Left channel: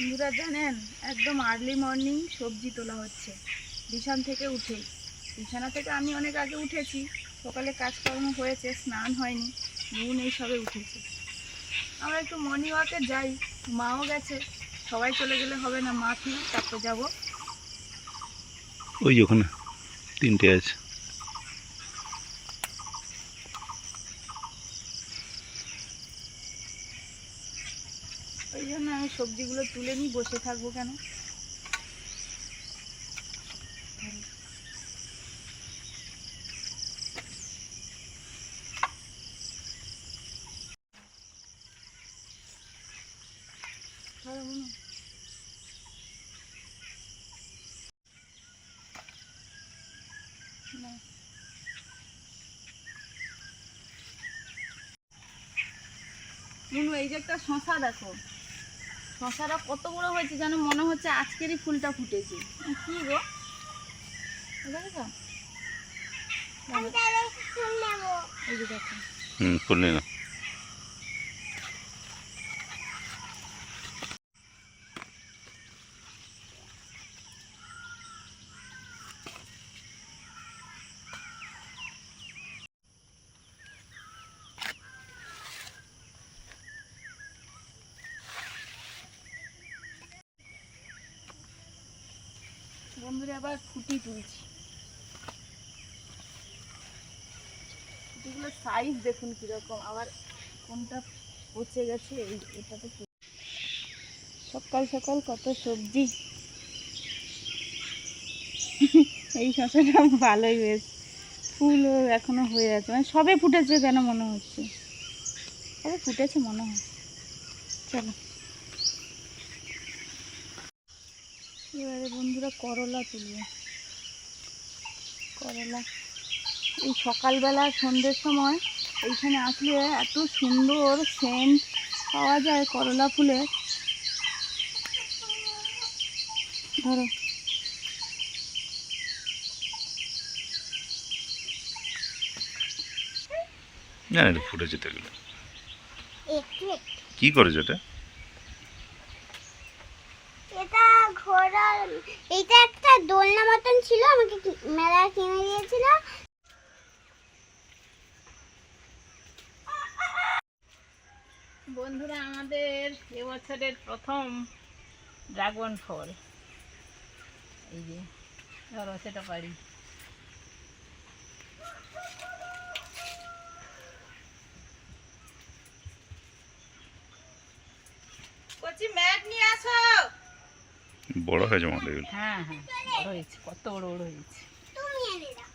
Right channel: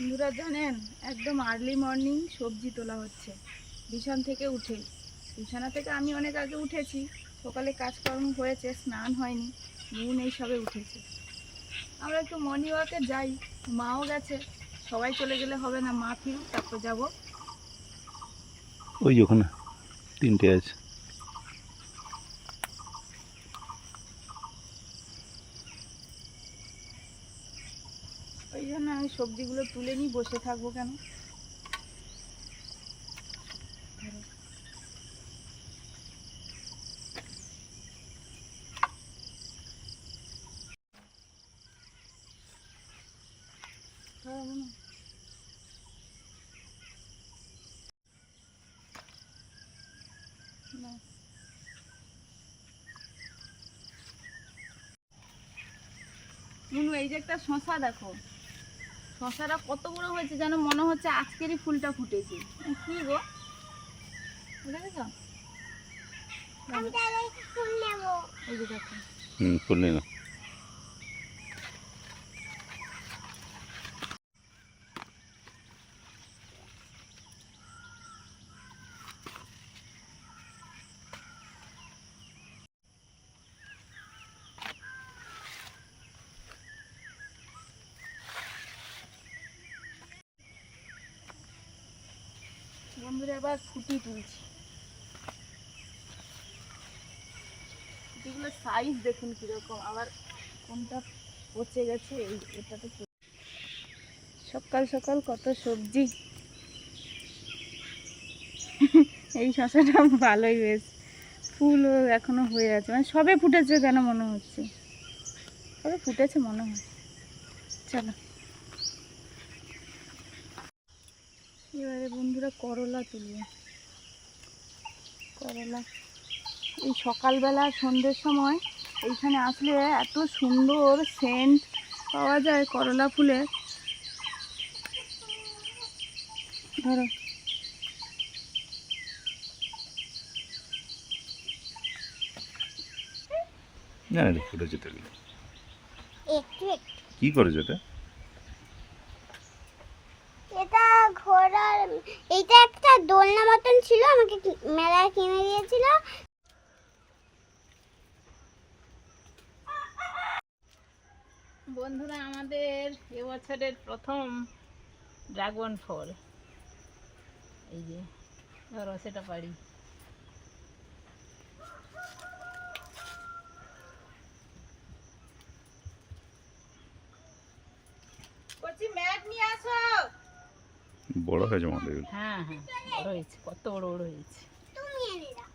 বন্ধুরা জানেন, একদম আর্লি মর্নিং সবজি তোলা হচ্ছে বিছানা থেকে উঠেই। বিছানা থেকে আমি অনেক আগে উঠেছি, সকালে কাজকর্ম হয়েছে, স্নান হয়নি, নুন এই সবে উঠেছে। আমরা একটু মর্নিং ওয়াকে যাই, মাও গেছে, সবাই চলে গেলে হবে না, মা ফিরুক তারপর যাবো। ওই ওখানে তিনটে আছে। ওই জন্য আমি সবজিগুলো তুলে নিই, বসে থাকবো কেন। মুনু, এই যে একটা শশা দেখো, শশাটা কত বড় হয়েছে যেন মনে হচ্ছে আজকেরই ফুলটা ফুটেছে। কি গো, দেখো এই যে দেখো। ফুল নিয়ে নাও। বন্ধুরা আবার ফুটি তুলছি। ফুটিগুলোর সাইজ দেখুন কিরকম, আবার কোনটা পচে গেছে। এটাতে সকাল সকাল কত সবজি। এই শসাটা ভালোই হয়েছে, ফুলও এখনো হয়ে আছে, মানে সবে ফুটেছে যেন মনে হচ্ছে, সবে ফুটেছে মনে হয়। চলো এবারে বন্ধুরা করলা তুলবে। করলা এই সকালবেলা সন্ধ্যের সময় এইখানে আসলে এত সুন্দর সেন্ট পাওয়া যায় করলা ফুলের। ধরো না, এটা ফুটেছে তো। এগুলো কি করেছে এটা? এটা ঘোড়ার, এটা একটা দোলনা মতন ছিল, আমাকে মেলা কিনে দিয়েছিল। বন্ধুরা, আমাদের এবছরের প্রথম ড্রাগন ফল, এই যে ধরো সেটা পারি। কচি ম্যাট নিয়ে আসো। বড় হয়েছে মনে হয়। হ্যাঁ হ্যাঁ, বড় হয়েছে, কত বড় বড় হয়েছে। তুমি এনে দাও।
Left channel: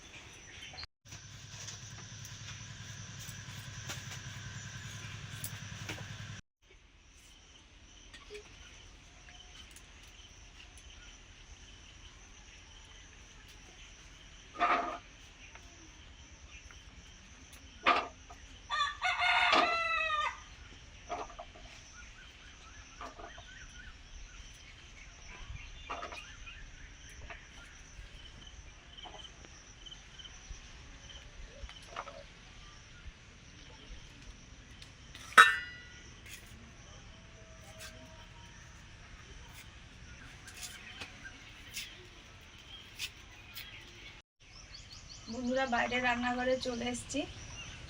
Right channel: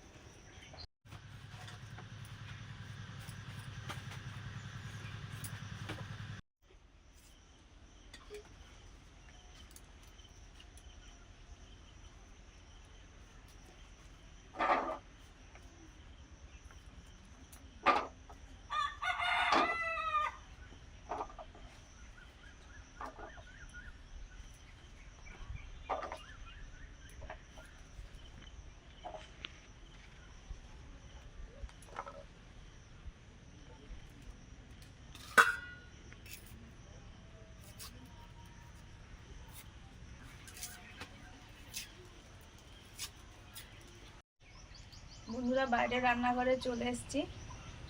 বন্ধুরা, বাইরে রান্নাঘরে চলে এসেছি,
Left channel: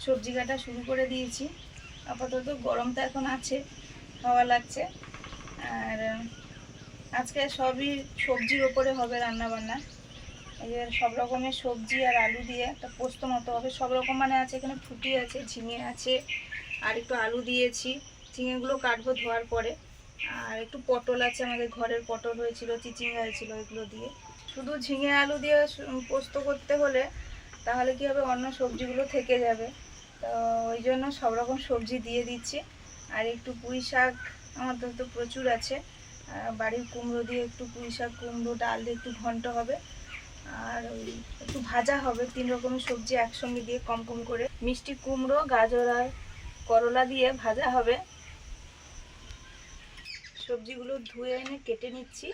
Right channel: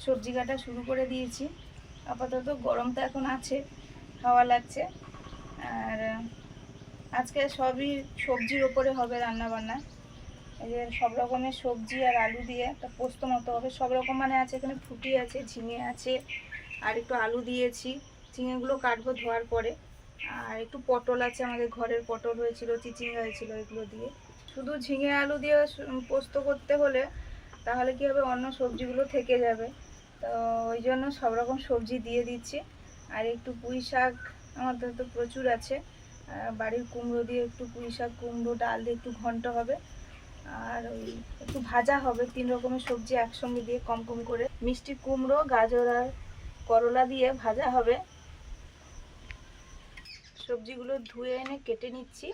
সবজি কাটা শুরু করে দিয়েছি। আপাতত গরমটা এখন আছে, খাওয়া লাগছে। আর আজকে সবই সবজির ওপরে হবে রান্না বান্না। এই যে সব রকমের সবজি আর আলু দিয়ে একটা পোস্ত মতো হবে। সব রকম মানে আছে, এখানে ফুটি আছে, ঝিঙে আছে, আর একটু আলু দিয়েছি। ঝিঙেগুলো কাটবো ধোয়ার পরে। আর একটু পটল আছে, আমাদের ঘরের পটল হয়েছিল, চিচিঙ্গা হয়েছিল, এগুলো দিয়ে। শুধু ঝিঙে আলু দিয়ে পোস্ত করতে হলে তাহলে কি হবে, অন্য সবজিগুলো থেকে যাবে। তো ওই জন্য সব রকম সবজি দিয়ে দিচ্ছি। আর একটু পুঁই শাক আমাদের তো প্রচুর আছে, বাড়ির কুমড়ো দিয়ে একটু পুঁই শাক, কুমড়ো ডাল দিয়ে একটু ঘন্ট হবে। আর ওই একটু ভাজা হবে, 3 রকমের সবজি একসঙ্গে দিয়ে কম কম করে। মিষ্টি কুমড়ো, গাজর আর করলা দিয়ে ভাজা হবে। সবজিগুলো ধুয়ে এনে কেটে নিচ্ছি।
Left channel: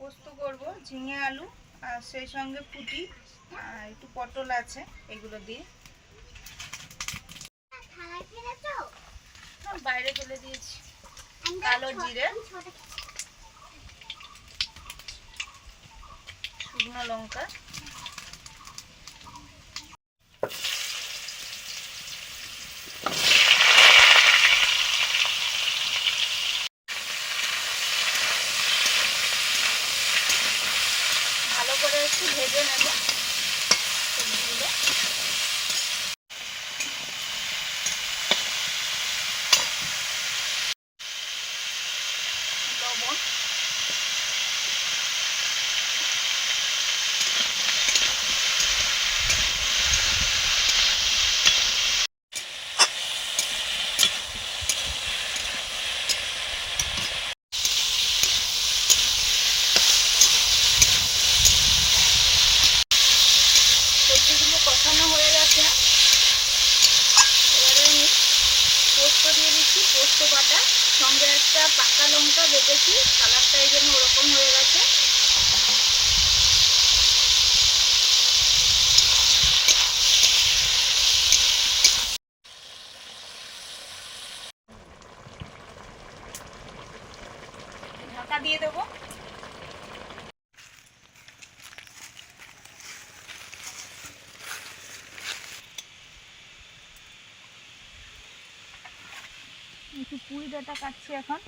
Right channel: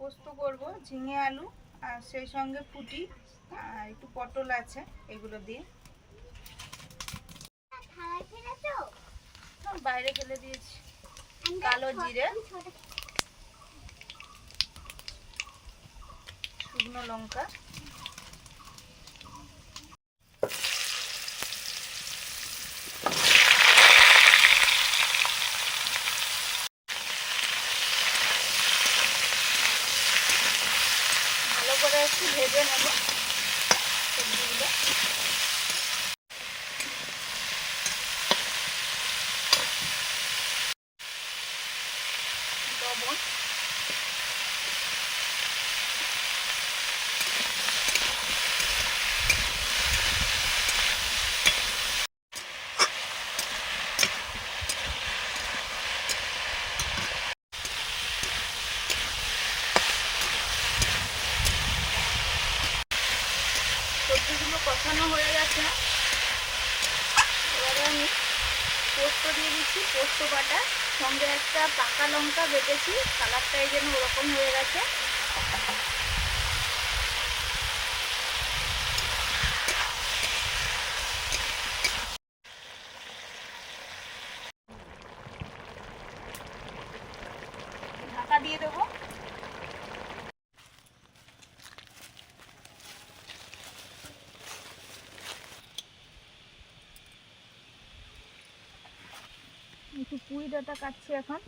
পোস্ত করব ঝিঙে আলু আর সেই সঙ্গে ফুটি আর একটু পটল আছে, এগুলো দিয়ে বাইরে ফেলে দিয়েছি। কালো জিরে, শুকনো লঙ্কা, ভালো করে একটু ভেজে নেব সবজিগুলো। লবণ, সবজিগুলো কষানো হয়ে গেছে। এবারে আমি পোস্ত দিয়ে দিচ্ছি, পোস্ত বাটা, সঙ্গে একটা পাকা লঙ্কা বেটেছি, কালারটা এই জন্য ওরকম হয়ে গেছে। ঢাকা দিয়ে দেবো। একটু পুঁই ডাঁটা কাটছি এখন।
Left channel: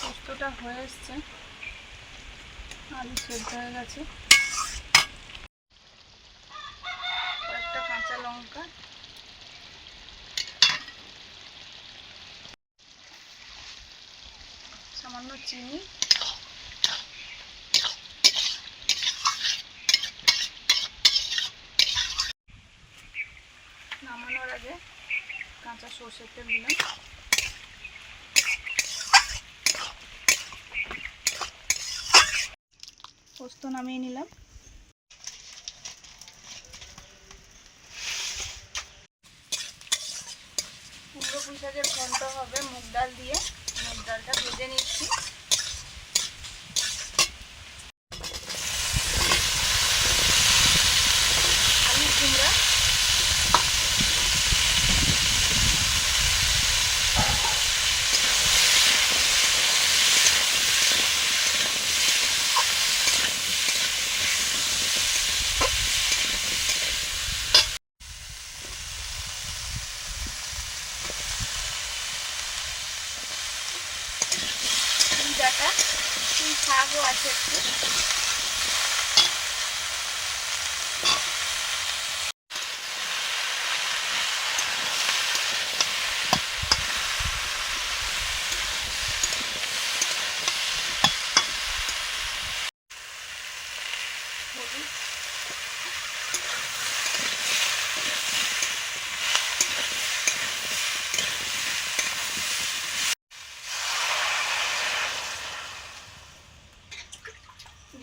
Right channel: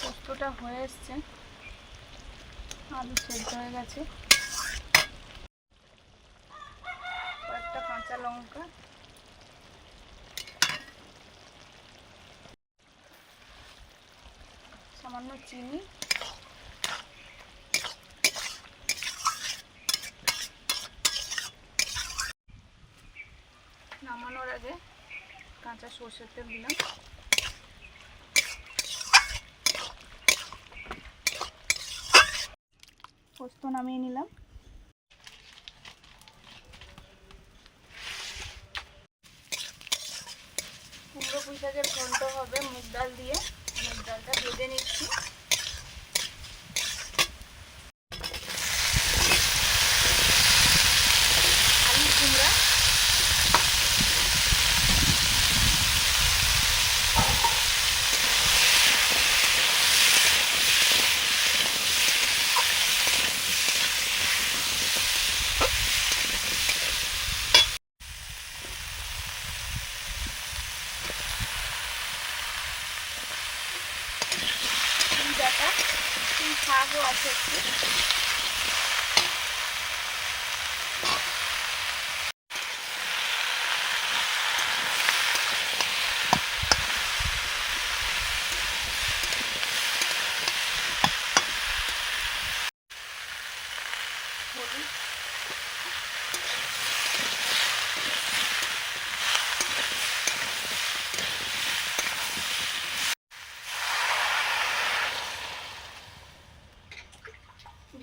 পোস্তটা হয়ে এসছে, আলু সেদ্ধ হয়ে গেছে, কয়েকটা কাঁচা লঙ্কা, সামান্য চিনি, নামানোর আগে কাঁচা সর্ষের তেল দিলাম। পোস্ত নামিয়ে নিলাম। কুমড়ো পুঁই শাকের ঘন্ট হবে মুগ ডাল দিয়ে, মুগ ডালটা ভেজে নিচ্ছি। আলু কুমড়া, পুঁই ডাঁটা, পুঁই শাকও আছে একটু। হলুদ,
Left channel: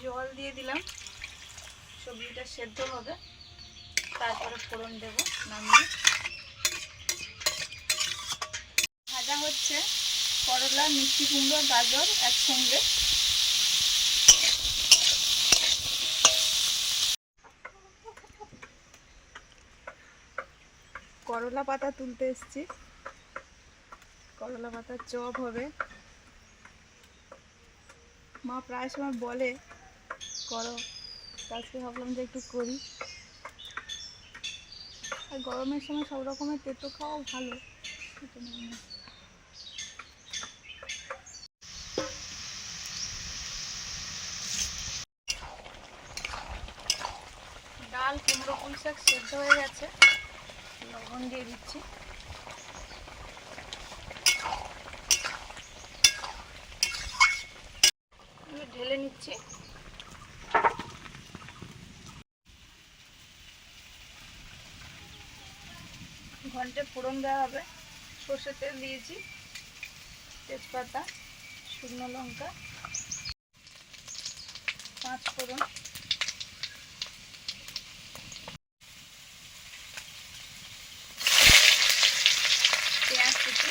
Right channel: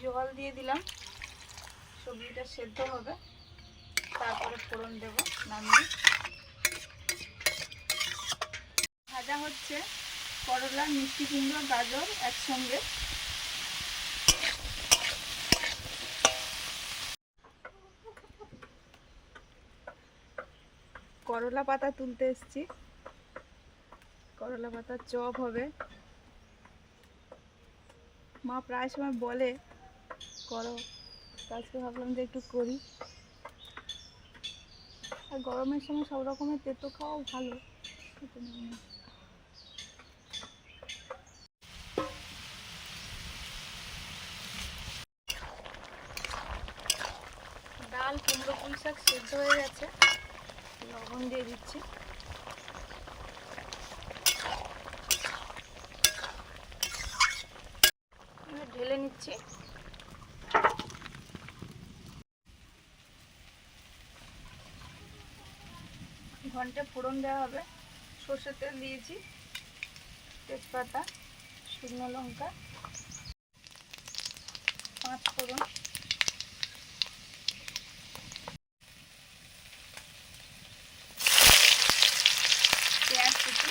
জল দিয়ে দিলাম, সবজিটা সেদ্ধ হবে, তারপরে ফোড়ন দেব নামিয়ে। ভাজা হচ্ছে করলা, মিষ্টি কুমড়ো, গাজর একসঙ্গে। করলা পাতা তুলতে এসেছি, করলা পাতার চপ হবে। মা প্রায় সময় বলে করো, আজকে ভাবলাম যে একটু করি। আর গরমের সময় সব রকমের তেতো খাওয়াও ভালো। ডাল, কুমড়ো পুঁই শাক সেদ্ধ হয়ে গেছে, লবণ দিয়ে দিচ্ছি। ঢেলে নিচ্ছি। ঘন্টে ফোড়ন দেওয়া হবে, সর্ষের তেল দিয়েছি, তেজপাতা, শুকনো লঙ্কা, পাঁচ ফোড়ন, পেঁয়াজ কুচি,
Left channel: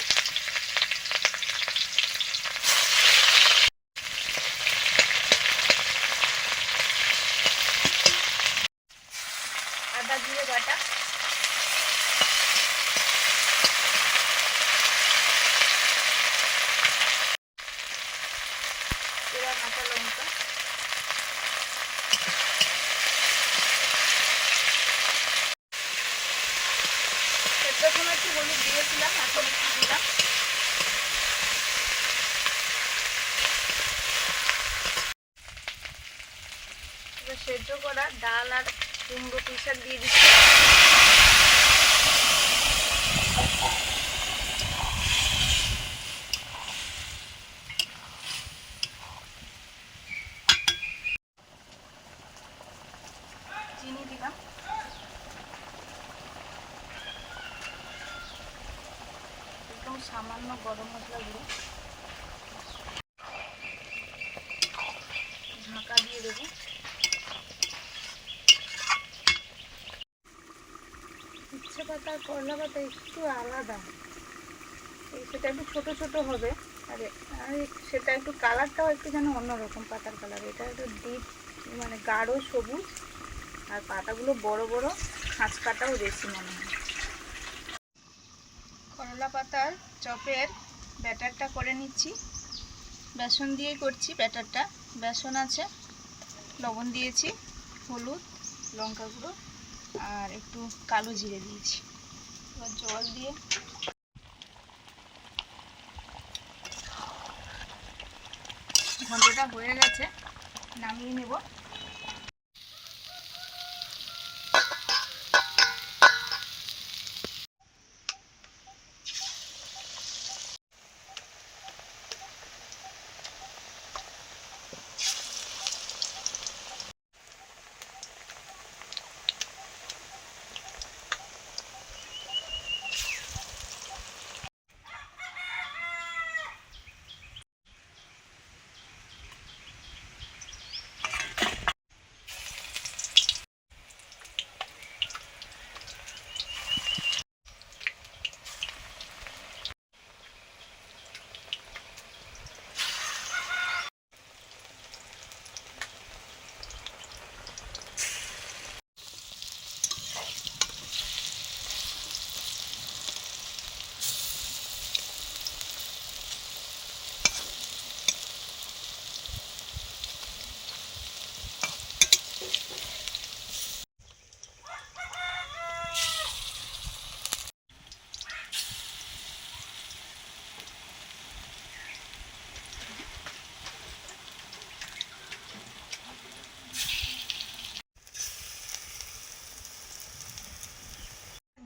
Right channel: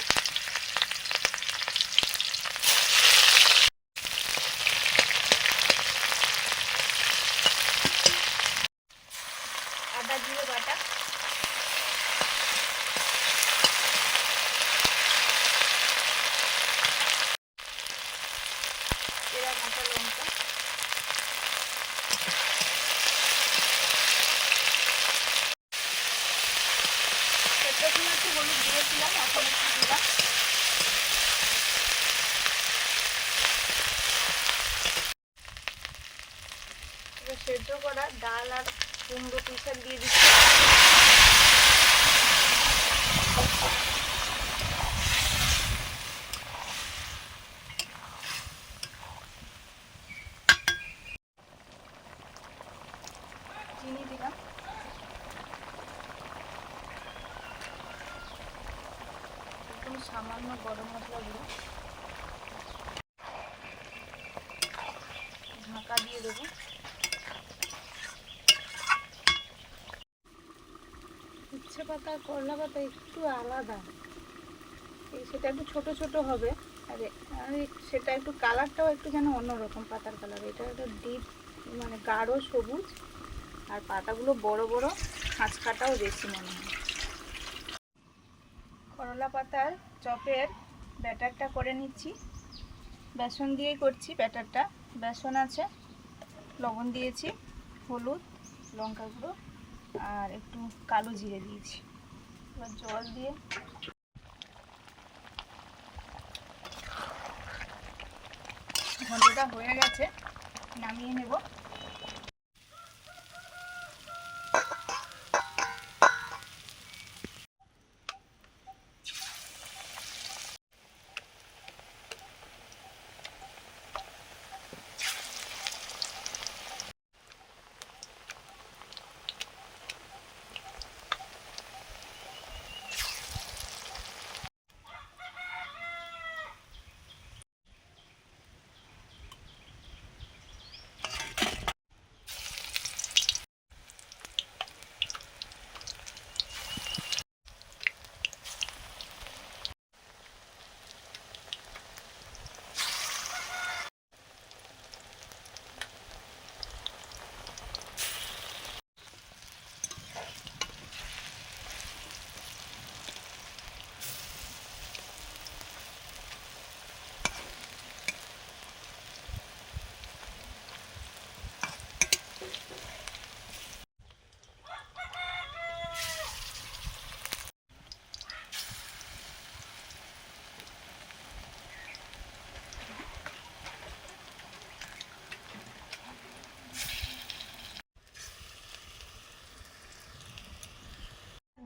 আদা জিরে বাটা, জিরা কাঁচা লঙ্কা, সেটার সময় একটু হলুদ দিয়েছিলাম, এখন একটু দিলাম। এবার সেদ্ধ করা ডাল আর কুমড়ো পিসার দিয়ে দিচ্ছি। চিনি দিলাম, একদম সামান্য গরম মশলা দিলাম, ঢাকা দিয়ে দেবো। উচ্ছে পাতা আর করলা পাতা একটু আলাদা, সেটা একটু ছোট ছোট হবে, আর সেটা একটু কালারটাও একটু যেন অন্যরকম, পাতার কালার। এটা একটু ডিপ মানে গাঢ় সবুজ, আর পাতাগুলো বড় বড়, খাঁচ কাটাও বেশি মনে হয়। করলা পাতার চপের ব্যাটারটা করে নিচ্ছি, বেসন দিয়েই করছি ব্যাটারটা। বেসন আছে, লবণ দিয়েছি, হলুদ, লঙ্কা গুঁড়ো আর একটু কালো জিরে দিয়েছি। এবার জল দিয়ে ঘন্টটা হয়ে গেছে, নামিয়ে নেব।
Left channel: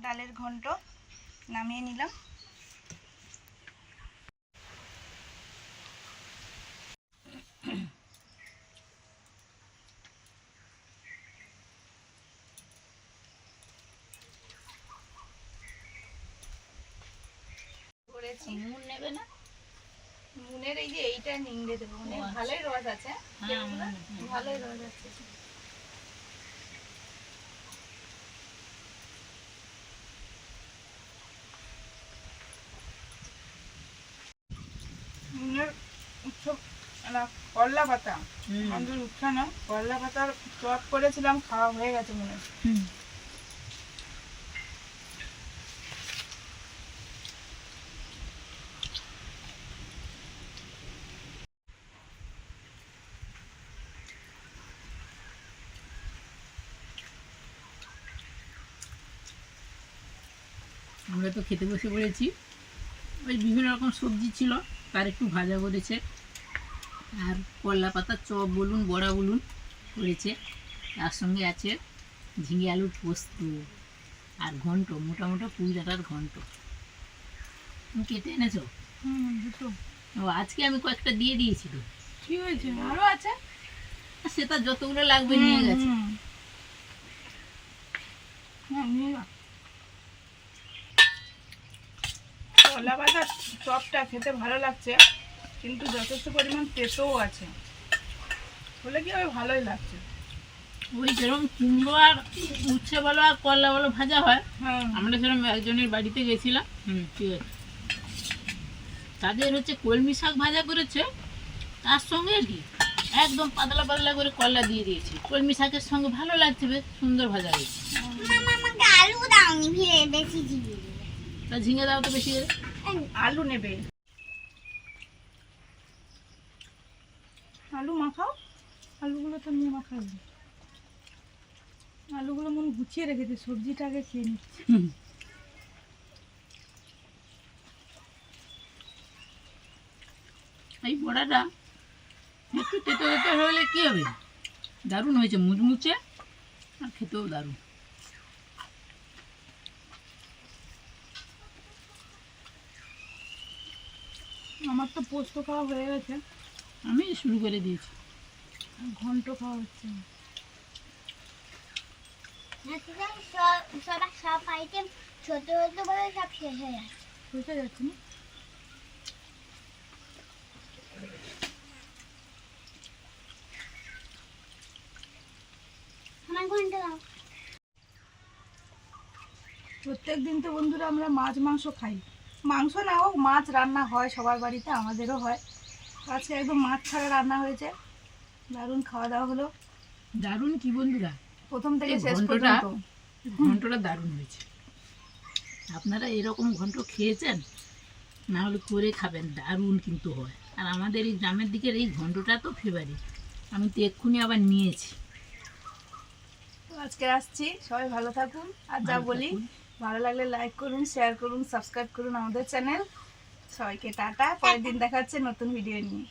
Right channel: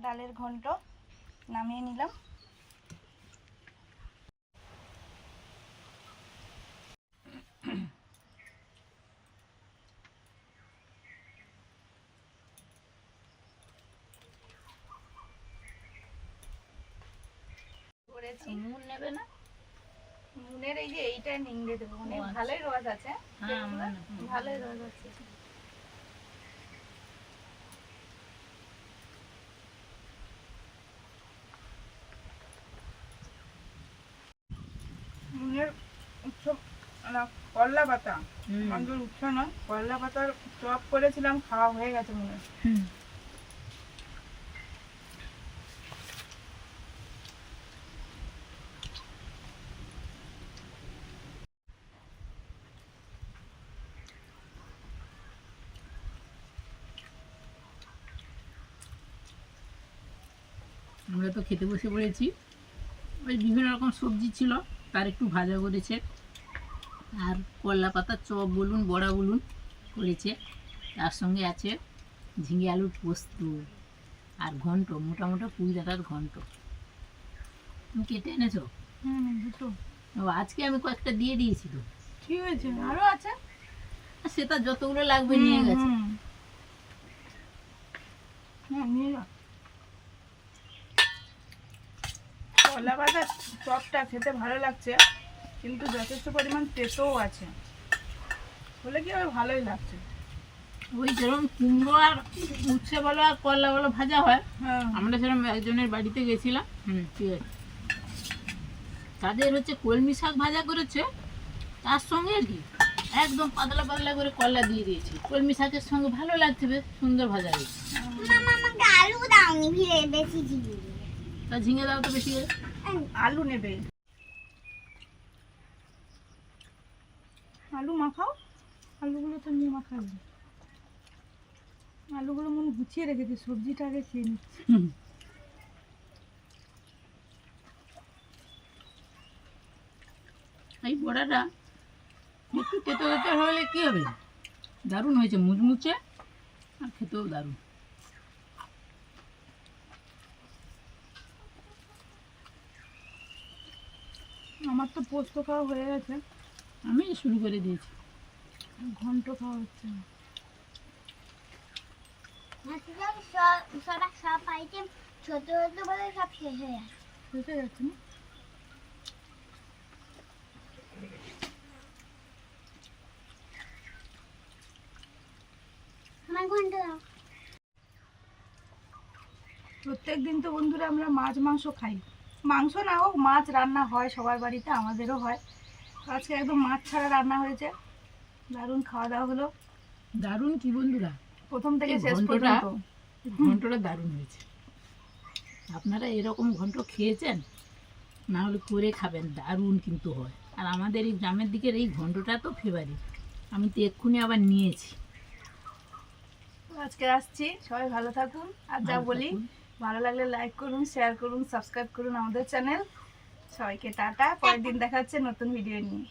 ডালের ঘন্ট নামিয়ে নিলাম। করেছি। মুন নেবে না? মুনের এই যে এইটা নিংড়ে দেবো, মানে ভালোই রস আছে, ভালোই রস আছে। মুনের উৎসব করলা পাতা, আমাদের উৎসব না, করলা পাতার চপ করেছিলাম, খাওয়া হয়ে গেছে মনে। আমরা তো খেতে বসে পড়েছি। ওই বিভিন্ন রকম সবজি ছিল, তার একটু ভাজা করেছে, আর করলা পাতার চপ বলুন, বড়া বলুন করেছে। তার সঙ্গে আছে ঝিঙে আলুর পোস্ত আর ঘন্ট, মোটা মোটা পুঁই ডাঁটার ঘন্ট। তুমি কেটে এনেছো? দুটো। ও, আজকে আমি কয়েকটা দিয়ে দিয়েছি তো। ঠিক হয়েছে, আরো আছে, সেটা যতগুলো লাগবে নিয়ে গেছে। হ্যাঁ নিয়ে যা। করলা পাতার চপটা খেতে ভালো লাগছে, কিন্তু যথেষ্ট পরিমাণ তেতোও আছে। হলে কি হবে, ভালোই লাগছে। ওই যেরকম কুমড়ো আর উচ্ছে বলো আর করলা বলো ভাজা হয়, হ্যাঁ আমরা সেরকম একজনের বাড়িতে গেছিলাম, ঠিক আছে, তাদের হচ্ছে কলমি শাক ভাজা করেছে, তার সঙ্গে কি একদম পাতলা পাতলা করে কলা দিয়ে দিয়েছে, কলমি শাকের সঙ্গে ভালো লাগছে, বেশ সুন্দর ভাজা হয়েছে। মামা আমাকে আলু দাওনি, ভিড়ে বেশি ঝিঙে দিলে। তা ঝিঙে দাও তো বেশি করে। আলু নেবে, আলু মাখাও, আলুগুলো তো নিয়ে মাখাবে, আলুগুলো মনে গুছিয়ে রেখেছে, সবজিটা আগে খেয়ে নিচ্ছি। এই বড়াটা একটু তেতো তেতো হলে কি হবে, দারুণ হয়েছে, মুচমুচে আর খেতেও দারুণ। আমার তো পোস্ত খাওয়া হয়ে গেছে, আমি শুরু করে দিয়েছি। ঘন্ট খাওয়া হচ্ছে। সব আইটেম ছোট ছোট বলে সব শেষ হয়ে যাচ্ছে। বুঝতে যাচ্ছে না, আমার ঘন্টা দাও। প্রত্যেক দিন তো বন্ধুরা আমরা মাছ মাংস খাই, মাংস না হোক মাছ রান্না হয় সবার বাড়িতে, আমাদেরও হয়। আজকে একদম মাছ ছাড়া রান্না হয়েছে, দারুণ খাওয়া দাওয়া হলো, দারুণ কি বন্ধুরা, প্রথম থেকে এই শেষ ঘন্টটা- পর্যন্ত। ঘন্টটা দারুণ হয়েছে। আপনারা এরকম ঘন্ট খেয়েছেন? না হলে করে খাবেন, দারুণ কিন্তু হয়। আর আমাদের এই গ্রামের দিকের এই ঘন্টটা তো ফেভারিট, আমি তো এক্ষুনি আবার নিয়েছি। তো আজকে আসছি, সবাই ভালো থাকুন, আর যা ভালো বলি থাকুন। ভালো লাগলে লাইক করুন, শেয়ার করুন, সাবস্ক্রাইব করুন আমাদের চ্যানেল। সবাইকে টাটা, পরের দিন দেখা হচ্ছে নতুন ভিডিও নিয়ে।